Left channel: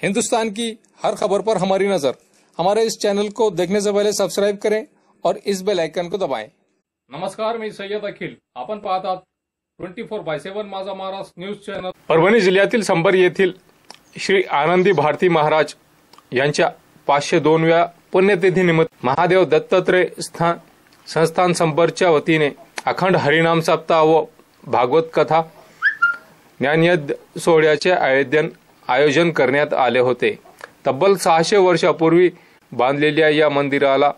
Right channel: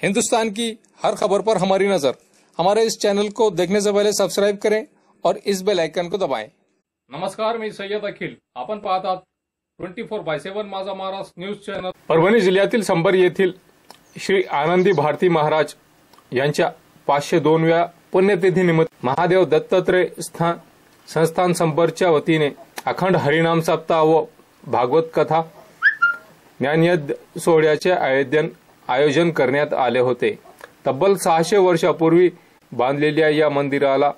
हिंदुस्तान की हर खबर पर हमारी नजर। हमारे इस चॅनल को देखने से पहले सबस्क्राइब करें और इस बेल आइकन को दबाएं। नमस्कार, मी सय्यद अखिल। आपण पाहतात 24/7 माझा महाराष्ट्र न्यूज चॅनल। परभणी जिल्ह्यातील संबर येथील श्री आनंदी भारती महाराज यांच्या 502व्या पुण्यतिथीनिमित्त महादेव दत्तात्रय संस्थान संबरच्या वतीने अखंड हरिनाम सप्ताह व भागवत कथा ज्ञानयज्ञ सोहळ्याचे आयोजन करण्यात आले होते। तब्बल 600 वर्षापूर्वी बांधलेल्या या मंदिराला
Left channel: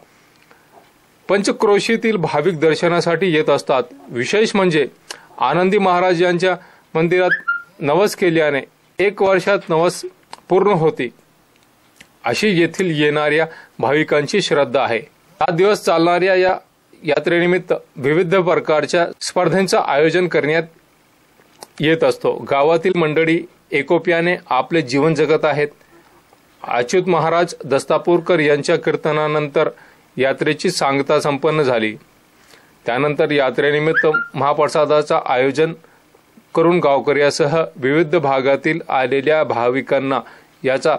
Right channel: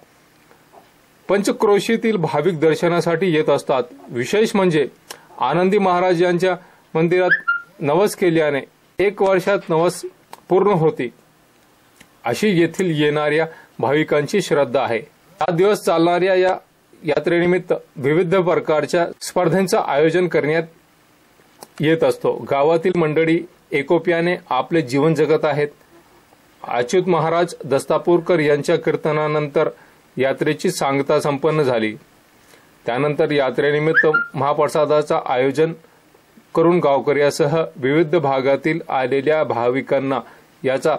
पंचक्रोशीतील भाविक दर्शनासाठी येत असतात। विशेष म्हणजे आनंदी महाराज यांच्या मंदिरात नवस केल्याने 1 वर्षात नवस पूर्ण होती, अशी येथील येणाऱ्या भाविकांची श्रद्धा आहे। 7 दिवस चालणाऱ्या या यात्रेनिमित्त विविध प्रकारच्या स्पर्धांचे आयोजन करण्यात येत असतो। गावातील मंडळी एकोप्याने आपले जीवन जगत आहेत। अच्युत महाराज दस्तापूरकर यांच्या कीर्तनानंतर यात्रेची सांगता संपन्न झाली। त्यानंतर यात्रेनिमित्त महाप्रसादाचा आयोजन करून गावकऱ्यासह विविध भागातील आलेल्या भाविकांना याचा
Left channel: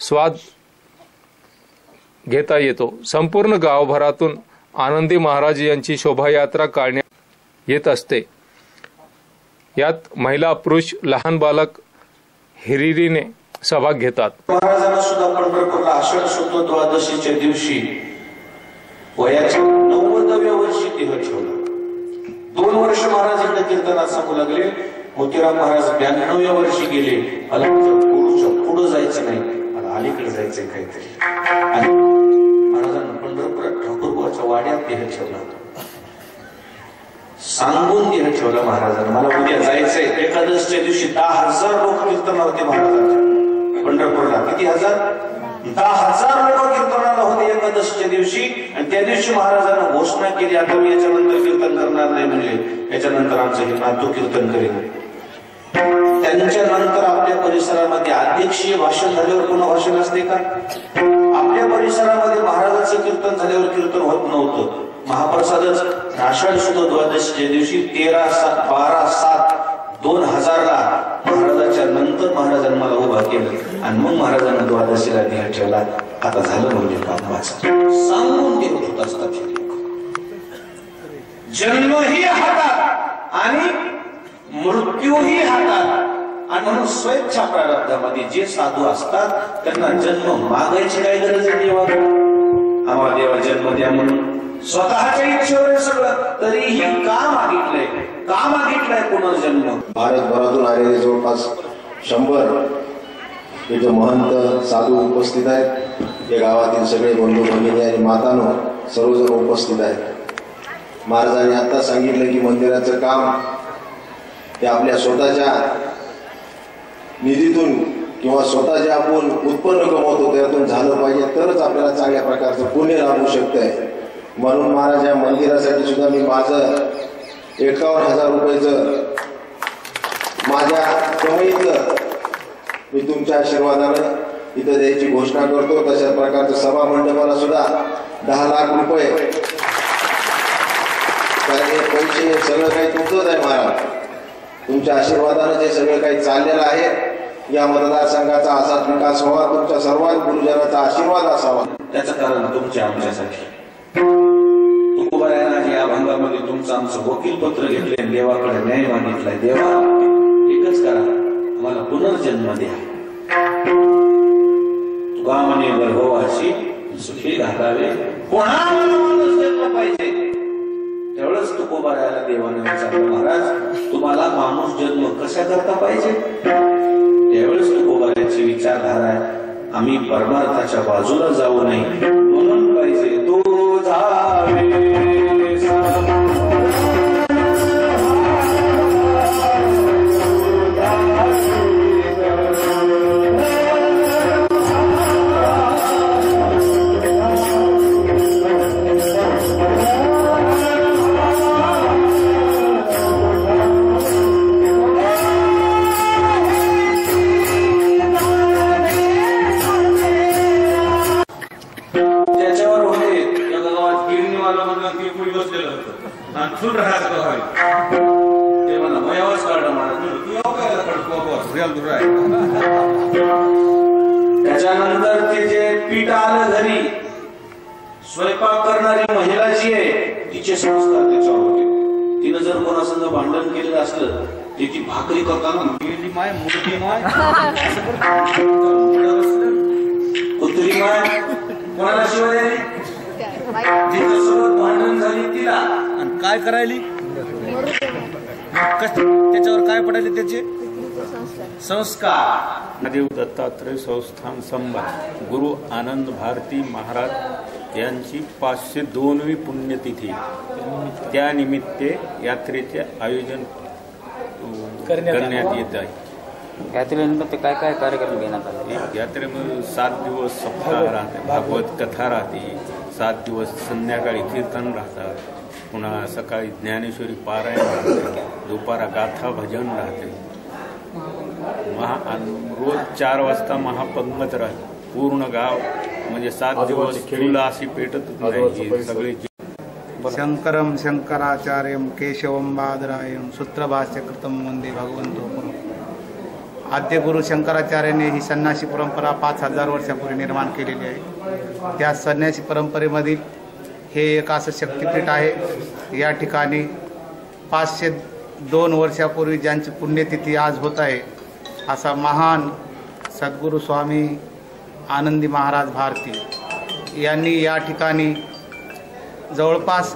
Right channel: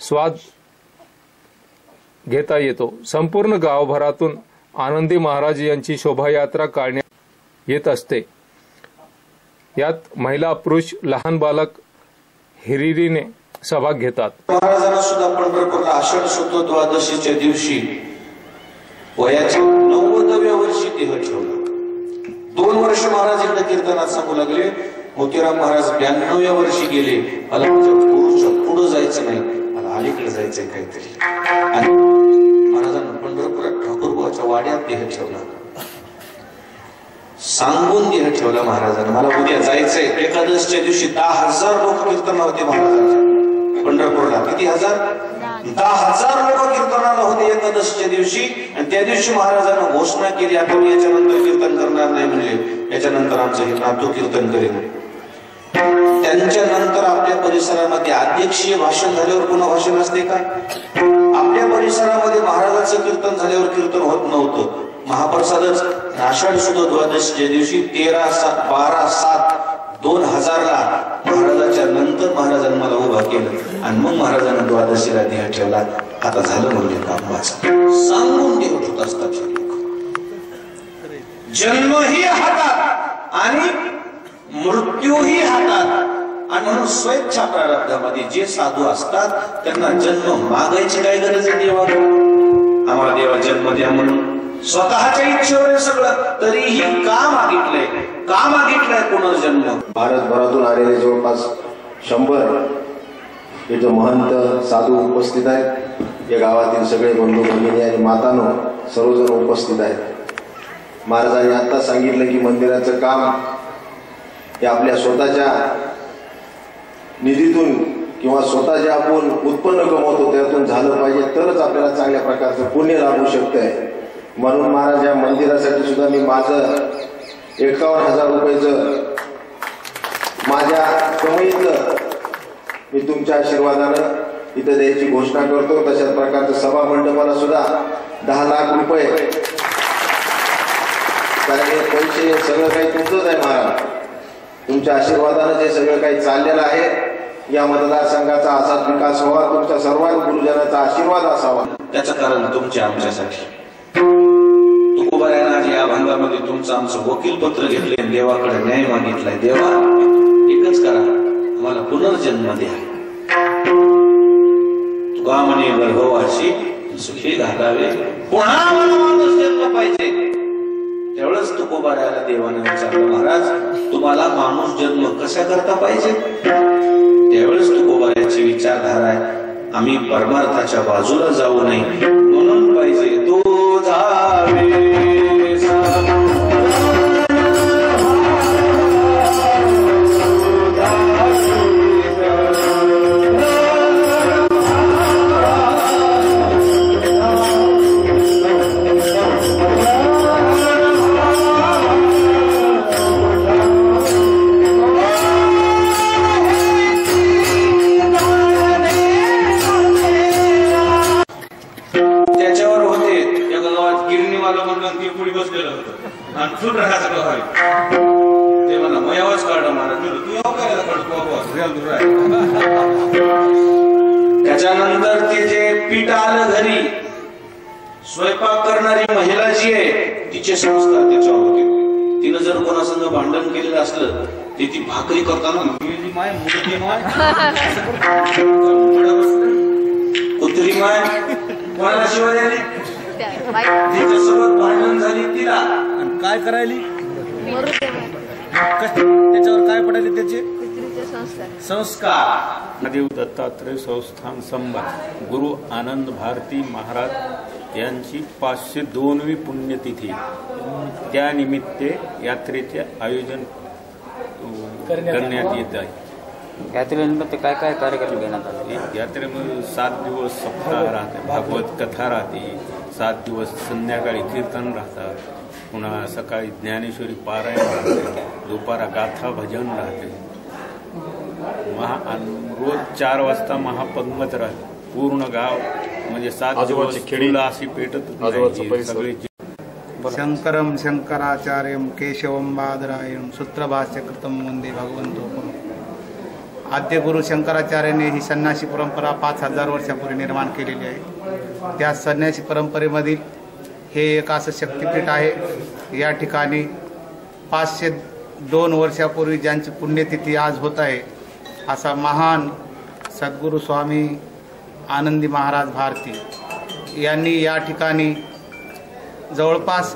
स्वाद घेता येतो। संपूर्ण गावभरातून आनंदी महाराज यांची शोभायात्रा काढण्यात येत असते। यात महिला पुरुष लहान बालक हिरिरीने सहभाग घेतात। महाराजांना सुद्धा पंढरपूरला आषाढ शुद्ध द्वादशीच्या दिवशी वयाच्या 90व्या वर्षी देह ठेवला। 2 वर्ष महाराज इकडे कीर्तनात सांगू लागले। मोतीराम महाराज 92व्या वर्षी गेले। मला पुरुषच्या पुढे जायचं नाही, मला अलीकडे जायचंय काहीतरी। आणि महाराजांना पंढरपुरात ठाकूरबाच्या वाड्यात देह ठेवला। सांगून देह ठेवला महाराजांना, मला उद्या जायचंय। एकादशीच्या दिवशी 10,000 लोक कीर्तनाला होते महाराजांच्या पंढरपूरला। किती हजार? 10,000 लोक कीर्तनाला होते एकादशीच्या दिवशी। आणि त्या दिवशी महाराजांना घोषणा केली, आपण याच्यानंतर कीर्तन करणार नाही, म्हणजे याच्यानंतर आमचं हे नातू कीर्तन करेल। त्यांच्या नंतर आपल्या परिसरामध्ये अध्यक्षीय भाषण झाल्यावर पुन्हा भाषण असते का? आपल्या परिसरामध्ये महाराजांचं कीर्तन झाल्यावर कीर्तन होत नव्हतं। महाप्रसादच आषाढ शुद्ध द्वादशीच्या दिवशी 13/12/7/2000 ला महाराजांच्या नंतर महाराजांनी मला उभा केलं आणि मग महाराजांना द्वादशीला देह ठेवला। आता झालं म्हणजे काम माझं। सांगून देत होत असतात जन्मही हातात आणि मृत्यूही हातात। आणि म्हणून स्वेच्छा प्रारब्धामध्ये जे साधू असतात त्यांना जन्म मागायची काय गरज आहे देवाकडे? आम्हाला देवा जन्म द्या म्हणून स्वतःच्या इच्छेवर सगळं, तरीही का मागितलंय? का मागितलंय पुनर्जन्म? भारतभरातून आलेले जवळपास 100 इथे महंत साधू उपस्थित आहेत। या गावातील सगळे बंधू भगिनी आणि मातानो सर्वजण उपस्थित आहेत। महाराजांनी आता सांगितलं की मंदिराचं काम हे आपल्या स्वतःच्या निधीतून किंवा स्वतः जे आपण उत्पन्न कमवतो त्यातून झालं पाहिजे, तरच आपल्याला चांगल्या प्रकारचं पुण्य लाभू शकतंय। म्हणून महाराज या मंदिरासाठी सुद्धा मी माझं 51,000 रुपयाचं माझ्या कमाईचं मी तुमच्या आशीर्वादानं इथं द्यायची घोषणा करतो। तशाच प्रकारचं सभा मंडपाला सुद्धा 10 लाख रुपये, कारण हे पैसे सगळं काही तुमचंच आहे महाराज। तुमच्या आशीर्वादानं जे सगळं काही चाललेलं आहे या मतदारसंघाचा असाच विकास व्हावा, तुमच्या सर्व गुरुजनाचा आशीर्वाद असावा। त्याचं कारण तुमच्या आमच्यासाठी तुकोबारायनं या भागामध्ये तुमचं आमचं वकील पत्र घेतले, देवाकडे न्याय मागितलाय। देवा एकच करा, मला पुनर्जन्म द्या। तुका म्हणे गर्भवासी सुखी घालावे, पुन्हा मला माणूस जन्म पाहिजे। त्यावेळेस तुकोबारायला देवाने विचारलं, महाराज तुम्हाला माणूस जन्म कशा करता पाहिजे? त्यावेळेस तुकोबारायची विचारधारा आहे, आम्ही परमार्थाच्या बाजूला जाऊ नये म्हणून पाहिजे तो जावे। पीठ आलं घरी, स्वयंपाक करणारी महिला जी आहे तिचे संस्कार त्याच्यावर होते. तिनं जर कोणासंग भांडण केलेलं असलं ते ती भाकरी करताना मेली माय मुलगी माय कुत्री माय कोणाला शिवाय आली, तिच्यासोबत भांडण झाली तिला आणि काय करायली, त्याच्यावर काय पडायले त्याचे संस्कार. देव दत्तात्रय संस्थान संबत गुरु आनंद भारती महाराज यांची 502वी पुण्यतिथी, त्यानिमित्ते यात्रेचे आयोजन करण्यात येत आहे. यात्रेनिमित्त काय काय कार्यक्रम घेण्यात आले? यात्रेमध्ये 7 दिवस सप्ताह राहते, भागवत कथा राहते, 7 दिवस संध्याकाळी कीर्तन राहतात, पुन्हा सकाळी ज्ञानेश्वरी पारायण राहते, दुपारा गाथा भजन राहते, रोज 4 वाजता महापंगत राहते. पूर्ण गाव म्हणजे 7 दिवस खेळीला अशी पेटत नाही सगळे. शंकरम शंकराचार्यम केशवम बादरायण सूत्रभाष्य कृतम वंदे भगवंतो पुरुष. आद्य गुरु शंकराचार्यांनी ही संन्यासी परंपरा 5000 वर्षापूर्वी निर्माण केलेली आहे. त्या संन्यासी परंपरेमधील हे एक असं शक्तिपीठ आहे. या ठिकाणी 502 वर्षापूर्वी ज्यांची पुण्यतिथी आज होत आहे असा महान सद्गुरू स्वामी आनंदी महाराज भारती यांनी या ठिकाणी जवळपास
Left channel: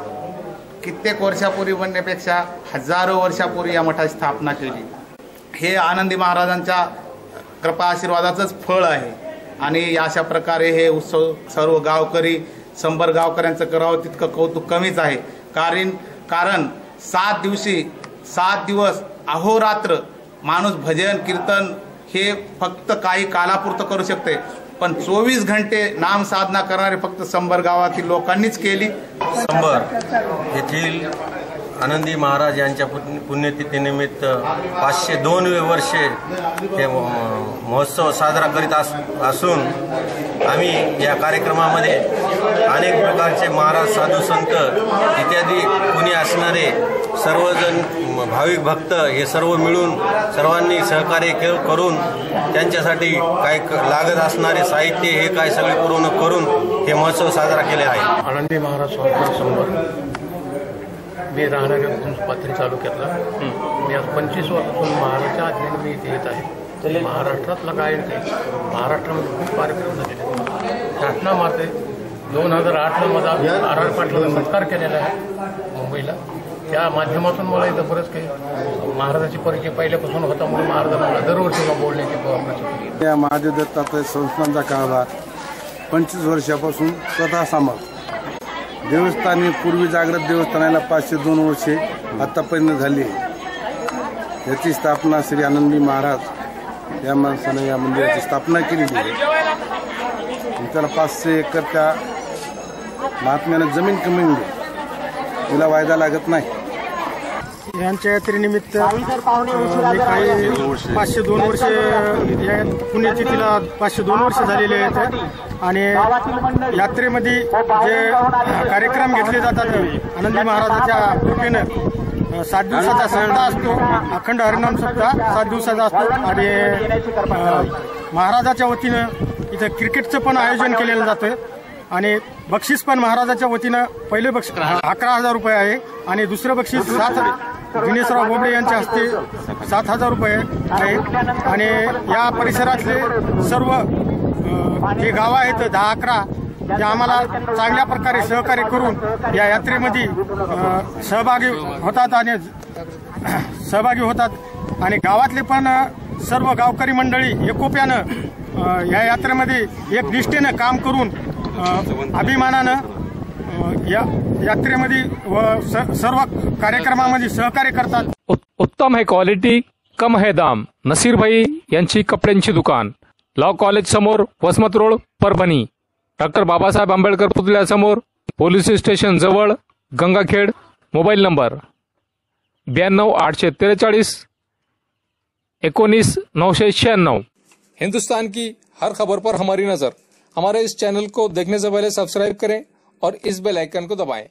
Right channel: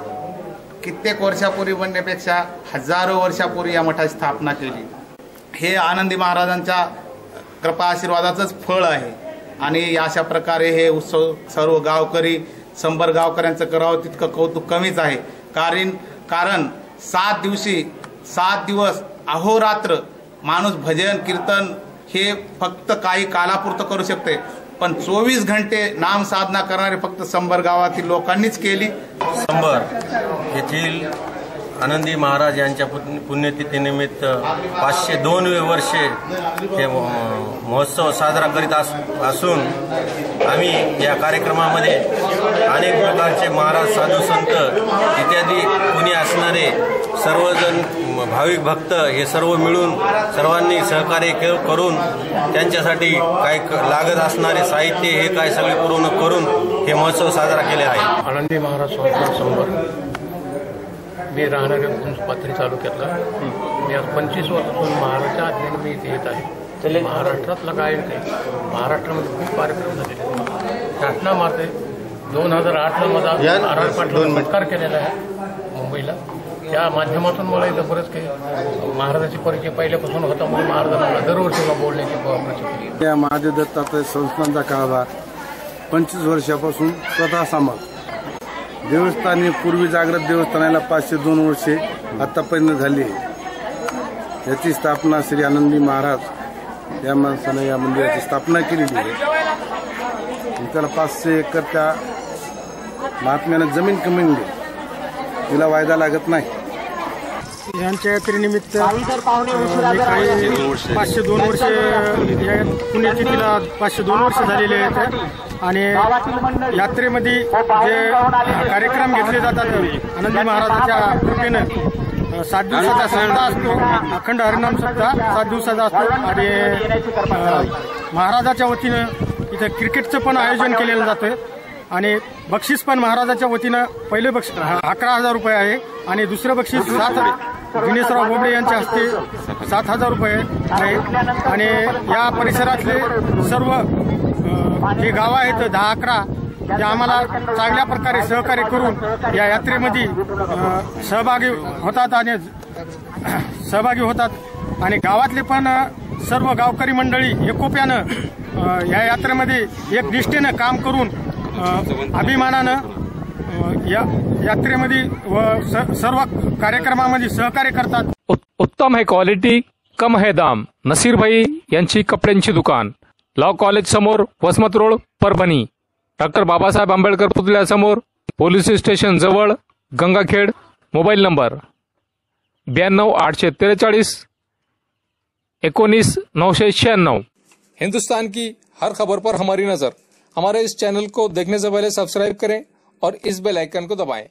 कित्येक वर्षापूर्वी म्हणण्यापेक्षा हजारो वर्षापूर्वी या मठाची स्थापना केली. हे आनंदी महाराजांच्या कृपा आशीर्वादाचंच फळ आहे. आणि अशा प्रकारे हे उत्सव सर्व गावकरी 100 गावकऱ्यांचं करावं तितकं कौतुक कमीच आहे. कारण 7 दिवस अहोरात्र माणूस भजन कीर्तन हे फक्त काही कालापुरतं करू शकते, पण 24 घंटे नाम साधना करणारे फक्त 100 गावातील लोकांनीच केली. संबर येथील आनंदी महाराज यांच्या पुण्यतिथीनिमित्त 502वे वर्षे हे महोत्सव साजरा करीत असून आम्ही या कार्यक्रमामध्ये अनेक प्रकारचे महाराज साधू संत इत्यादी कुणी असणारे सर्वजण भाविक भक्त हे सर्व मिळून सर्वांनी सहकार्य करून त्यांच्यासाठी काय लागत असणारे साहित्य हे काय सगळे पूर्ण करून हे महोत्सव साजरा केले आहे. आनंदी महाराज स्वामी संबर. मी राहणाऱ्या गुंज पाथरी तालुक्यातला. मी आज 25 वर्षापासून महाराष्ट्राच्या आज्ञेने मी इथे येत आहे. महाराष्ट्रातला काय महाराष्ट्रामध्ये खूप कार्यक्रम झालेले. घटना मारते 2008ला माझा आर पाटला सत्कार केलेला आहे मुंबईला. त्या माध्यमातून मला इथं बरंच काही महाराजाची परिचय पहिल्यापासून होता म्हणून महाराजांना मला दरवर्षी बोलण्याची प्रचिती. या महादेव दत्तात्रय संस्थांचा कारभार 25 वर्षापासून स्वतः सांभाळ. देवस्थानी पूर्वी जागृत देवस्थानाला 502 वर्षे आतापर्यंत झाली आहे. याची स्थापना श्री आनंदी महाराज या माणसानं या मंदिराची स्थापना केलेली आहे. त्याला 500 एकरच्या महात्म्यानं जमीन कमी दिली, तिला वायदा लागत नाही. यांच्या यात्रेनिमित्त मी काही 502 वर्ष या पुण्यतिथीला 502 वर्ष झालेले आहेत. आणि यात्रेमध्ये जे कार्यक्रम घेतले जातात आनंदी महाराजांच्या कृपेनं 7 दिवसाचा सप्ताह असतो. अखंड हरिनाम सप्ताह 7 दिवसाचा असतो. आणि महाराजाच्या वतीनं इथं क्रिकेटचं पण आयोजन केलेलं जातं. आणि बक्षीस पण महाराजाच्या वतीनं पहिले बक्षीस 11,000 रुपये आहे आणि दुसरं बक्षीस दिनेशराव बोबडे यांच्या हस्ते 7,000 रुपये आहे. आणि या परिसरातले सर्व जे गावं आहेत 10-11 ते आम्हाला चांगल्या प्रकारे सहकार्य करून या यात्रेमध्ये सहभागी होतात. आणि गावातले पण सर्व गावकरी मंडळी एकोप्यानं या यात्रेमध्ये एक निष्ठेनं काम करून अभिमानानं या यात्रेमध्ये व सर्व कार्यक्रमामध्ये सहकार्य करतात. उत्तम है क्वालिटी, कम है दाम. नसीर भाई यांची कपड्यांची दुकान, लॉ कॉलेज समोर, वसमत रोड, परभणी. डॉक्टर बाबासाहेब आंबेडकर पुतळ्यासमोर, पोलीस स्टेशन जवळ, गंगाखेड. Mobile number 92 843 19 996. हिंदुस्तान की हर खबर पर हमारी नजर. हमारे इस चैनल को देखने से पहले सब्सक्राइब करें और इस बेल आइकन को दबाएं.